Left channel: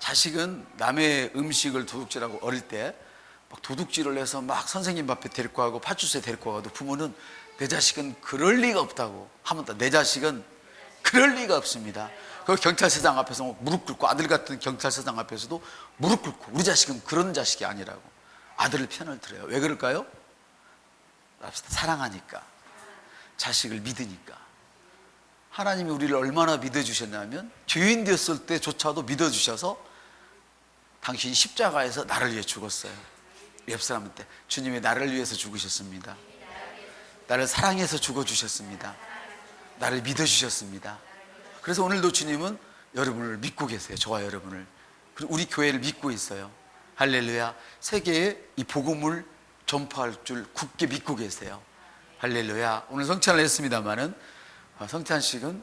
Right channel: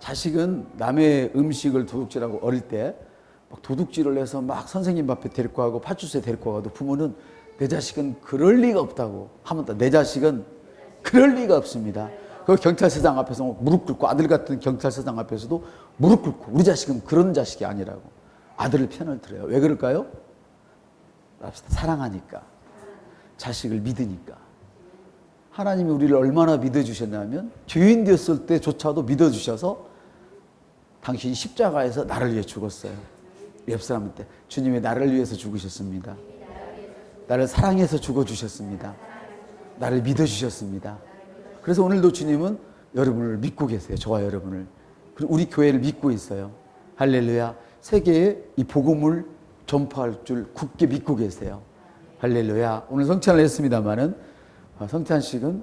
자식은 남의 음식을 도둑질하고 어릴 때 막 도둑질을 해서 막 선생님 앞에 데리고 가고 파출소에 데리고 가도 부모는 내 자식은 그럴 리가 없다고 하면 내 자식은 그럴 리가 없습니다. 그 경찰서장 앞에서 무릎 꿇고, 아들 같은 경찰서장 앞에서도 무릎 꿇고, 우리 자식은 그런 자식이 아니라고 아들을 편을 들어요. 왜 그럴까요? 사랑하니까, 자식을 믿으니까. 하나님이 우리를 얼마나 믿어주셨냐면 죄인 되었을 때조차도 믿어주셔서 당신이 십자가에서 나를 위해 죽었어요. 옆 사람한테 주님이 나를 위해서 죽으셨습니다. 나를 사랑해서 죽어주셨습니다. 나를 믿어주셨습니다. 그래서 오늘도 주님은 여러분을 믿고 계세요. 저와 여러분을. 그리고 우리 교회를 믿고 있어요. 할렐루야. 세계에 이 복음을 전파할 줄 굳게 믿고 계세요. 할렐루야. 오늘 성찬을 했습니다마는 성찬식은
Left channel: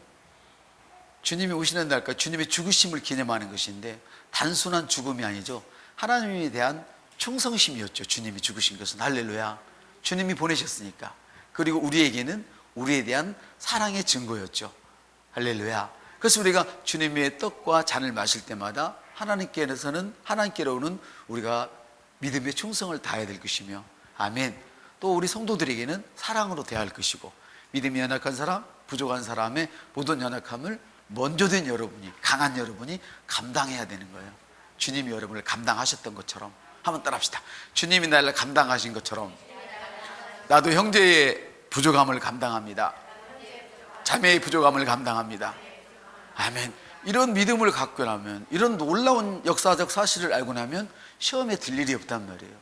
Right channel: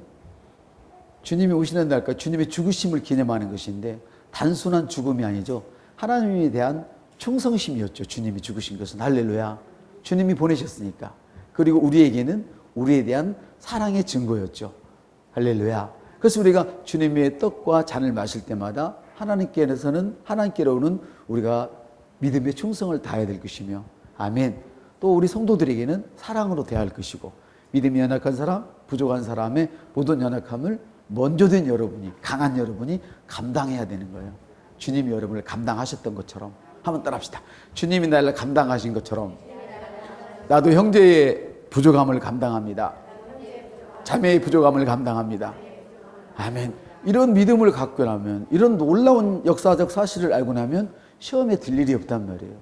주님이 오시는 날까지 주님의 죽으심을 기념하는 것인데 단순한 죽음이 아니죠. 하나님에 대한 충성심이었죠. 주님이 죽으신 것은. 할렐루야. 주님이 보내셨으니까. 그리고 우리에게는 우리에 대한 사랑의 증거였죠. 할렐루야. 그래서 우리가 주님의 떡과 잔을 마실 때마다 하나님께로는 우리가 믿음의 충성을 다해야 될 것이며, 아멘. 또 우리 성도들에게는 사랑으로 대할 것이고, 믿음이 연약한 사람, 부족한 사람의 모든 연약함을 먼저 된 여러분이, 강한 여러분이 감당해야 되는 거예요. 주님이 여러분을 감당하셨던 것처럼. 한번 따라합시다. 주님이 나를 감당하신 것처럼 나도 형제의 부족함을 감당합니다. 자매의 부족함을 감당합니다. 아멘. 이런 믿음을 갖고 나면, 이런 놀라운 역사적 사실을 알고 나면 시험에 들 일이 없단 말이에요.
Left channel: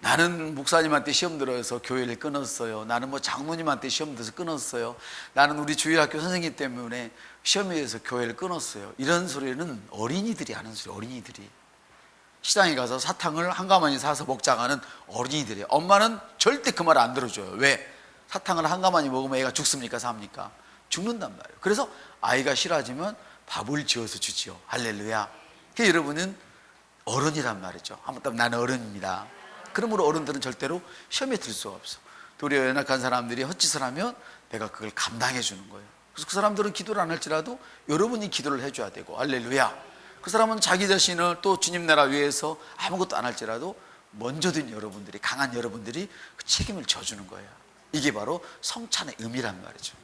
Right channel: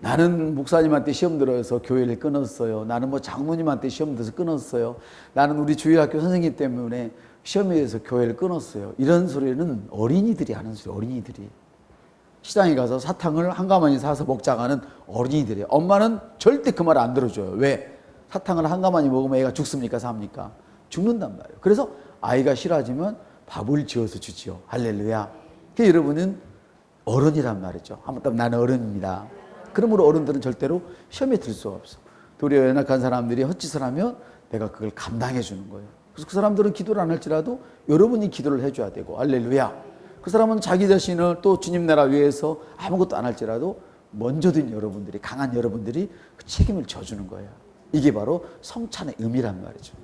나는 목사님한테 시험 들어서 교회를 끊었어요. 나는 장로님한테 시험 들어서 끊었어요. 나는 우리 주일학교 선생님 때문에 시험에 의해서 교회를 끊었어요. 이런 소리는 어린이들이 하는 소리. 어린이들이 시장에 가서 사탕을 한 가마니 사서 먹자고 하는 어린이들이에요. 엄마는 절대 그 말 안 들어줘요. 왜? 사탕을 한 가마니 먹으면 애가 죽습니까? 삽니까? 죽는단 말이에요. 그래서 아이가 싫어지면 밥을 지어서 주지요. 할렐루야. 그러니까 여러분은 어른이란 말이죠. 한번 더 나는 어른입니다. 그러므로 어른들은 절대로 시험에 들 수가 없어. 도리어 연약한 사람들이 헛짓을 하면 내가 그걸 감당해 주는 거예요. 그래서 그 사람들은 기도를 안 할지라도 여러분이 기도를 해줘야 되고, 할렐루야. 그 사람은 자기 자신을 또 주님 나라 위해서 아무것도 안 할지라도 먼저 된 여러분들이, 강한 여러분들이 그 책임을 져주는 거예요. 이게 바로 성찬의 의미란 말이죠.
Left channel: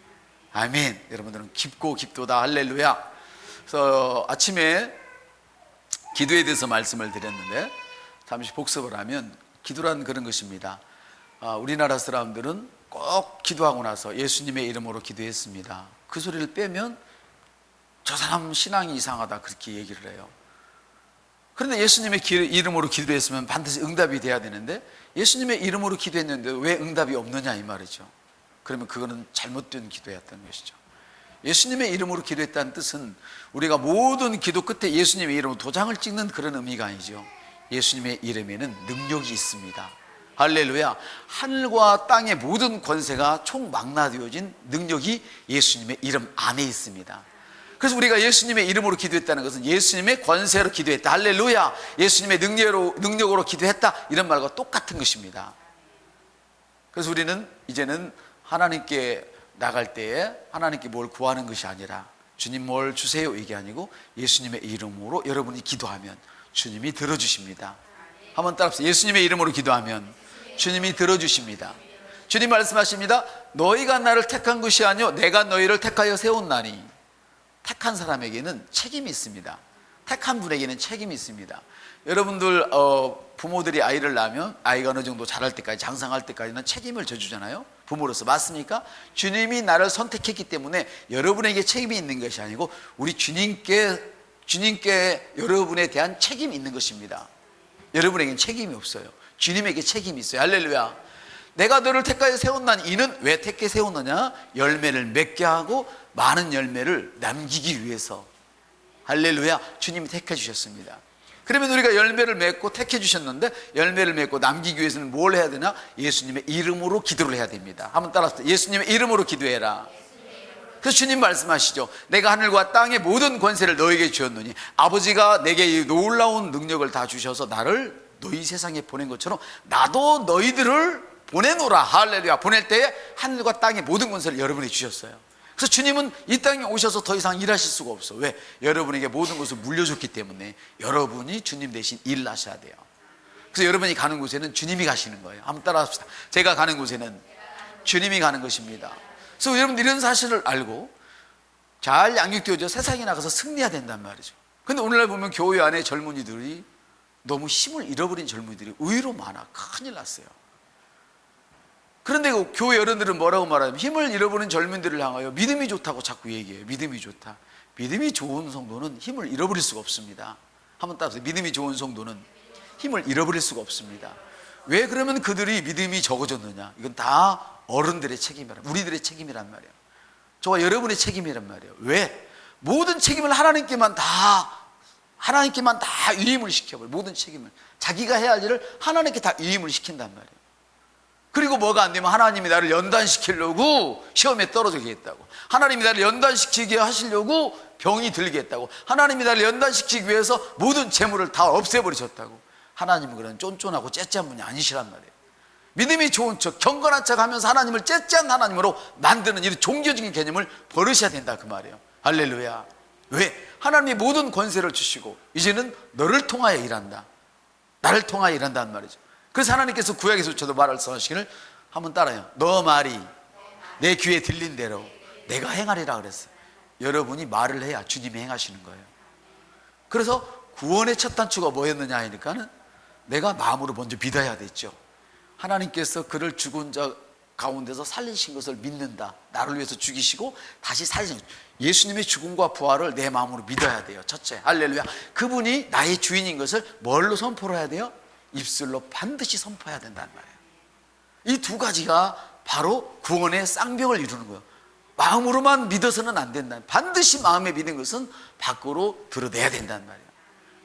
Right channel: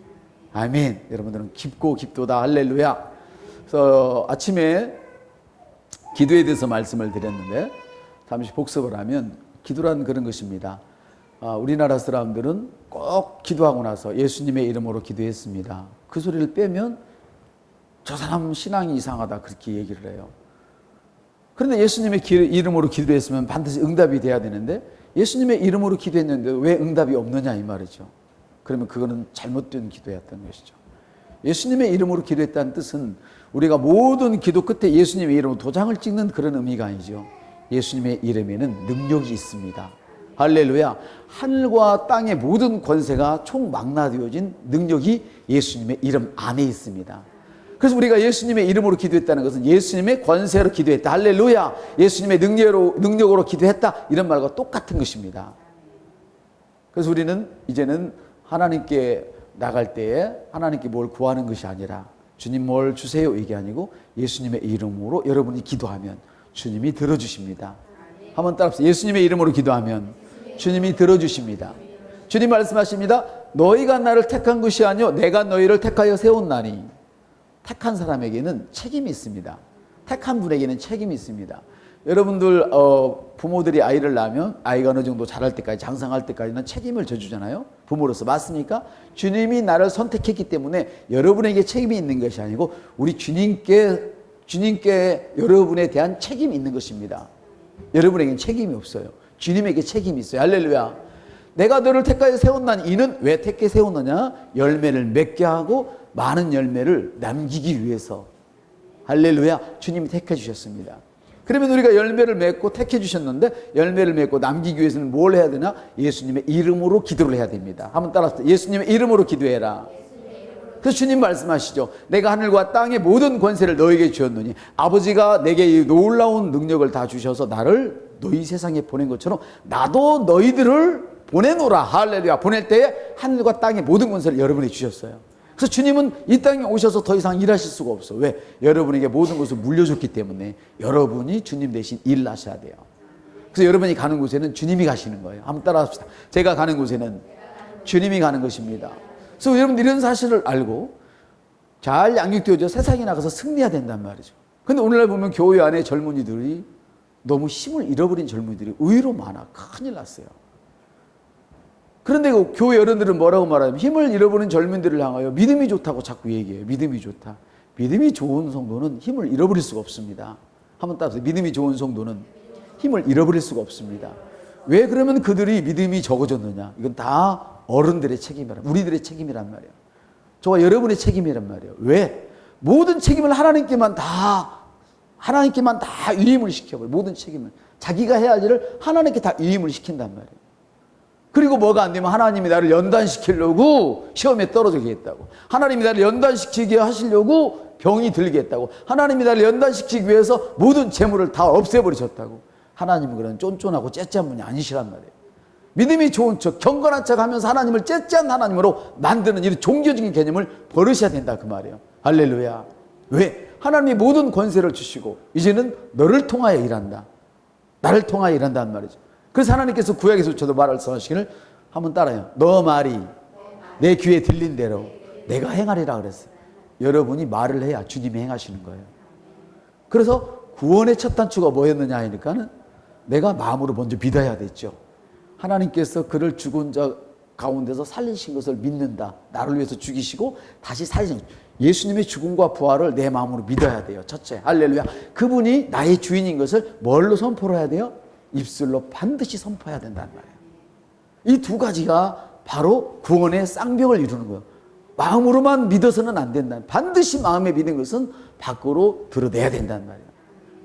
아멘. 여러분들은 깊고 깊도다. 할렐루야. 그래서 아침에 기도에 대해서 말씀을 드렸는데 잠시 복습을 하면, 기도란 그런 것입니다. 우리나라 사람들은 꼭 기도하고 나서 예수님의 이름으로 기도했습니다. 그 소리를 빼면 저 사람 신앙이 이상하다, 그렇게 얘기를 해요. 그런데 예수님의 이름으로 기도했으면 반드시 응답이 돼야 되는데 예수님의 이름으로 기도했는데 왜 응답이 없느냐 이 말이죠. 그러면 그거는 잘못된 기도였던 것이죠. 예수님의 이름으로 기도했다는 뜻은 우리가 모든 기도 끝에 예수님의 이름으로 도장을 찍는 그런 의미가 아니죠. 예수님의 이름에는 능력이 있습니다. 할렐루야. 하늘과 땅의 모든 권세가 총망라되어진 능력이 예수님의 이름 안에 있습니다. 그래서 우리가 예수님의 이름으로 기도했다는 것은 예수님의 권세로 기도했다. 할렐루야. 예수님의 능력으로 기도했다. 이런 말과 똑같은 것입니다. 그래서 우리는 이제는 하나님께 나갈 때에 하나님께 뭘 구하는 것이 아니라 주님 뭘 주세요 이게 아니고 예수님의 이름으로 여러분이 기도하면 주님이 들어주십니다. 한번 따라합시다. 예수님의 이름으로 기도하면 주님이 들어주십니다. 주님 말씀하십니다. 너희가 나를 택한 것이 아니요 내가 너희를 택하여 세웠나니. 택한 사람에게는 책임이 있습니다. 택한 분에게는 책임이 있습니다. 여러분들 부모들이 아이를 낳으면 아이가 어느 정도 자랄 때까지, 장성할 때까지는 책임을 져주잖아요. 부모로서. 맞습니까? 주님이 나를 선택했기 때문에 여러분에게 책임이 있는 것이 아니고 우리 주님께 여러분에 대한 책임이 있는 것입니다. 여러분에게는 책임이 없어요. 주님에게 책임이 있어요. 할렐루야. 내가 너를 택하여 세웠나니. 이는 왜 택해 세웠느냐? 열매를 맺게 하고 많은 열매를 남기기 위해서. 할렐루야. 주님이 택해 주셨습니다. 그러면 우리가 열매를 맺고 택해 주셨는데 열매를 맺고 남기기 위해서는 뭘 해야 되나? 예수님의 이름으로 기도를 해야 됩니다. 한번 따라서 예수님의 이름으로 기도해라. 그래서 주님 말씀하시죠. 내가 하늘과 땅의 모든 권세를 너에게 주었노니 아버지가 내게 이 놀라운 능력을 다 주셔서 나를 너희 세상에 보낸 것처럼 나도 너희들을 보내노라. 할렐루야. 보낼 때에 하늘과 땅의 모든 권세를 여러분에게 주셨어요. 그래서 주님은 이 땅에 오셔서 더 이상 일하실 수가 없어. 왜? 여러분에게 모든 것을 물려줬기 때문에 여러분이 주님 대신 일을 하셔야 돼요. 그래서 여러분이 가는 곳에는 주님이 가시는 거예요. 한번 따라합시다. 제가 가는 곳에는 주님이 가는 것입니다. 그래서 여러분들 이런 사실을 알고 잘 양육되어져 세상에 나가서 승리해야 된단 말이죠. 근데 오늘날 보면 교회 안에 젊은이들이 너무 힘을 잃어버린 젊은이들이 의외로 많아. 큰일 났어요. 그런데 그 교회 어른들은 뭐라고 말하냐면 힘을 잃어버린 젊은이들을 향하여 믿음이 좋다고 자꾸 얘기해요. 믿음이 좋다. 믿음이 좋은 성도는 힘을 잃어버릴 수가 없습니다. 한번 따라서 믿음이 좋은 성도는 힘을 잃어버릴 수가 없습니다. 왜 그러면 그들이 믿음이 적어졌느냐? 이건 다 어른들의 책임이란, 우리들의 책임이란 말이에요. 저와 여러분의 책임이란 말이에요. 왜? 모든 책임을 하나님께만 다 위임을 시켜버려요. 모든 책임을. 자기가 해야 할 일을 하나님께 다 위임을 시킨단 말이에요. 그리고 뭐가 안 되면 하나님이 나를 연단시키려고 시험에 떨어지게 했다고. 하나님이 나를 연단시키게 하시려고 병이 들게 했다고. 하나님이 나를 연단시키기 위해서 모든 재물을 다 없애버리셨다고. 하나님은 그런 쫀쫀하고 째째한 분이 아니시란 말이에요. 믿음이 좋은 척, 경건한 척 하면서 하나님을 째째한 하나님으로 만드는 이런 종교적인 개념을 버리셔야 된다 그 말이에요. 할렐루야. 왜? 하나님이 모든 권세를 주시고 이제는 너를 통하여 일한다. 나를 통하여 일한다는 말이죠. 그래서 하나님께서 구약에서도 말씀하시기를 한번 따라요. 너 말이 내 귀에 들린 대로 내가 행하리라 그랬어요. 여러분이 말을 해야 주님이 행하시는 거예요. 그래서 구원의 첫 단추가 뭐였느냐 하니까는 내가 마음으로 먼저 믿어야 됐죠. 하나님께서 그를 죽은 자 가운데서 살리신 것을 믿는다. 나를 위해서 죽이시고 다시 살리신 것. 예수님의 죽음과 부활을 내 마음으로 믿어야 돼요. 첫째, 할렐루야. 그분이 나의 주인인 것을 뭘로 선포를 해야 돼요? 입술로 반드시 선포해야 된다는 말이에요. 이 두 가지가 바로 구원의 쌍벽을 이루는 거예요. 마음으로만 믿어서는 안 된다. 반드시 마음에 믿는 것은 밖으로 드러내야 된다는 말이에요.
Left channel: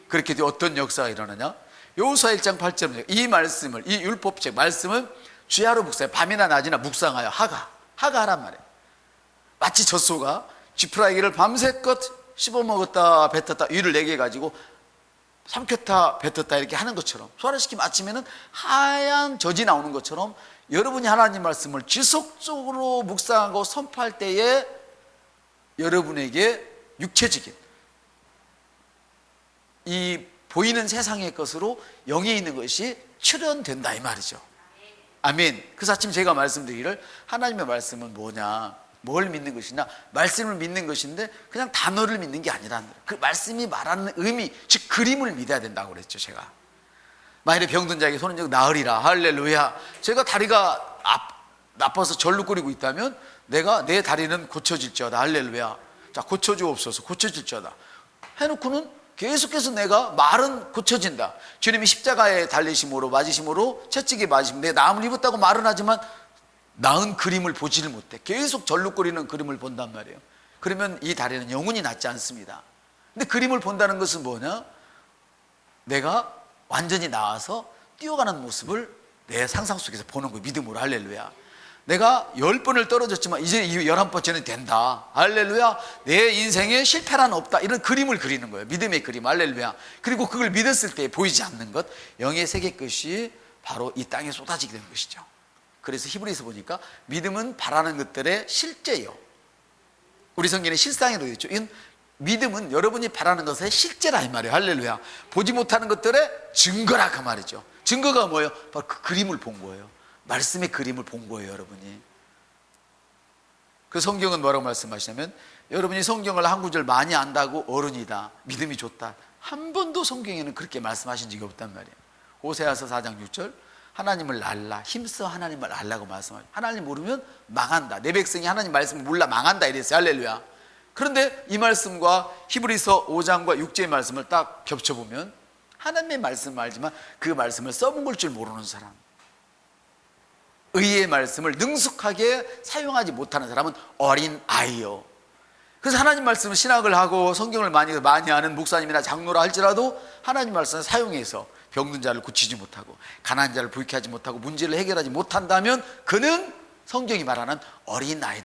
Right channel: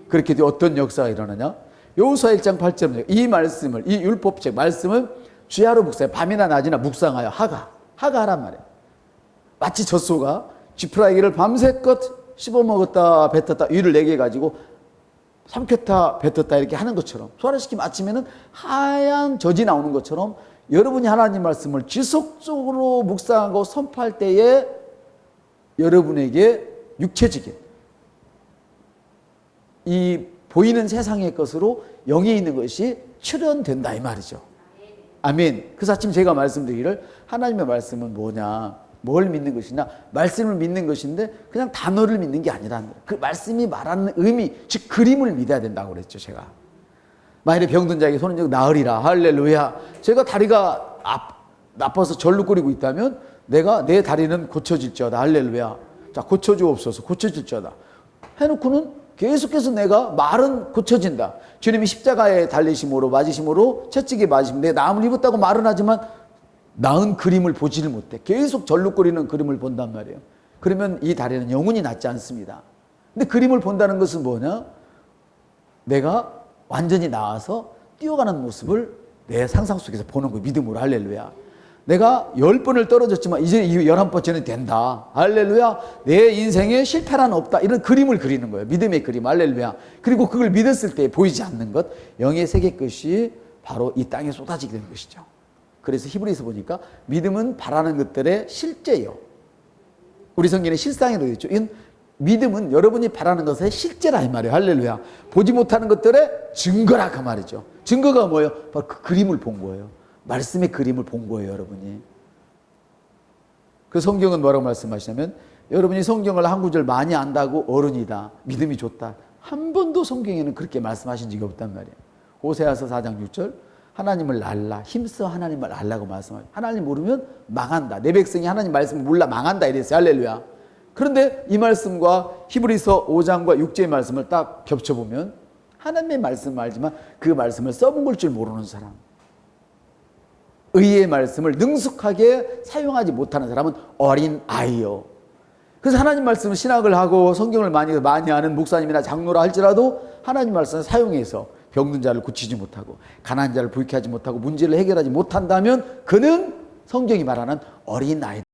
그렇게 되어 어떤 역사가 일어나냐? 여호수아 1장 8절에 이 말씀을, 이 율법책 말씀을 주야로 묵상해, 밤이나 낮이나 묵상하여 하가하란 말이에요. 마치 젖소가 지푸라기를 밤새껏 씹어먹었다 뱉었다 위를 4개 가지고 삼켰다 뱉었다 이렇게 하는 것처럼, 소화시키면 아침에는 하얀 젖이 나오는 것처럼 여러분이 하나님 말씀을 지속적으로 묵상하고 선포할 때에 여러분에게 육체적인 이 보이는 세상의 것으로 영에 있는 것이 출현된다 이 말이죠. 아멘. 그래서 아침 제가 말씀드리기를 하나님의 말씀은 뭐냐, 뭘 믿는 것이냐, 말씀을 믿는 것인데 그냥 단어를 믿는 게 아니라 그 말씀이 말하는 의미, 즉 그림을 믿어야 된다고 그랬죠. 제가 만일에 병든 자에게 손은 즉 나으리라. 할렐루야. 제가 다리가 나빠서 절룩거리고 있다면 내가 내 다리는 고쳐질지어다. 할렐루야. 자, 고쳐주옵소서. 고쳐질지어다 해놓고는 계속해서 내가 말은 고쳐진다. 주님이 십자가에 달리심으로 맞으심으로 채찍에 맞으심 내 나음을 입었다고 말은 하지만 나은 그림을 보지를 못해. 계속 절룩거리는 그림을 본단 말이에요. 그러면 이 다리는 영원히 낫지 않습니다. 근데 그림을 본다는 것은 뭐냐? 내가 완전히 나아서 뛰어가는 모습을 내 상상 속에서 보는 거예요. 믿음으로. 할렐루야. 내가 10번을 떨어졌지만 이제 11번째는 된다. 할렐루야. 내 인생에 실패란 없다. 이런 그림을 그리는 거예요. 믿음의 그림. 할렐루야. 그리고 그걸 믿었을 때 보이지 않는 것, 영의 세계 것이 바로 이 땅에 쏟아지게 되는 것이죠. 그래서 히브리서 보니까 믿음은 바라는 것들의 실제요. 우리 성경에 실상이라고 되어 있죠. 이건 믿음은 여러분이 바라는 것의 실제라 이 말이에요. 할렐루야. 보지 못하는 것들의 증거라 그 말이죠. 증거가 뭐예요? 바로 그 그림을 본 거예요. 말씀의 그림을 본 거예요, 여러분이. 그 성경은 뭐라고 말씀하시냐면 여러분이 성경을 한 구절 많이 안다고 어른이다, 믿음이 좋다. 한 번도 성경에는 그렇게 말씀하신 적이 없단 말이에요. 호세아서 4장 6절 하나님을 알라, 힘써 하나님을 알라고 말씀하죠. 하나님 모르면 망한다. 내 백성이 하나님 말씀을 몰라 망한다 이랬어요. 할렐루야. 그런데 이 말씀과 히브리서 5장과 6절의 말씀을 딱 겹쳐보면 하나님의 말씀을 알지만 그 말씀을 써먹을 줄 모르는 사람, 의의 말씀을 능숙하게 사용하지 못하는 사람은 어린 아이요. 그래서 하나님 말씀을 신학을 하고 성경을 많이 아는 목사님이나 장로라 할지라도 하나님 말씀을 사용해서 병든 자를 고치지 못하고 가난한 자를 부유케 하지 못하고 문제를 해결하지 못한다면 그는 성경이 말하는 어린 아이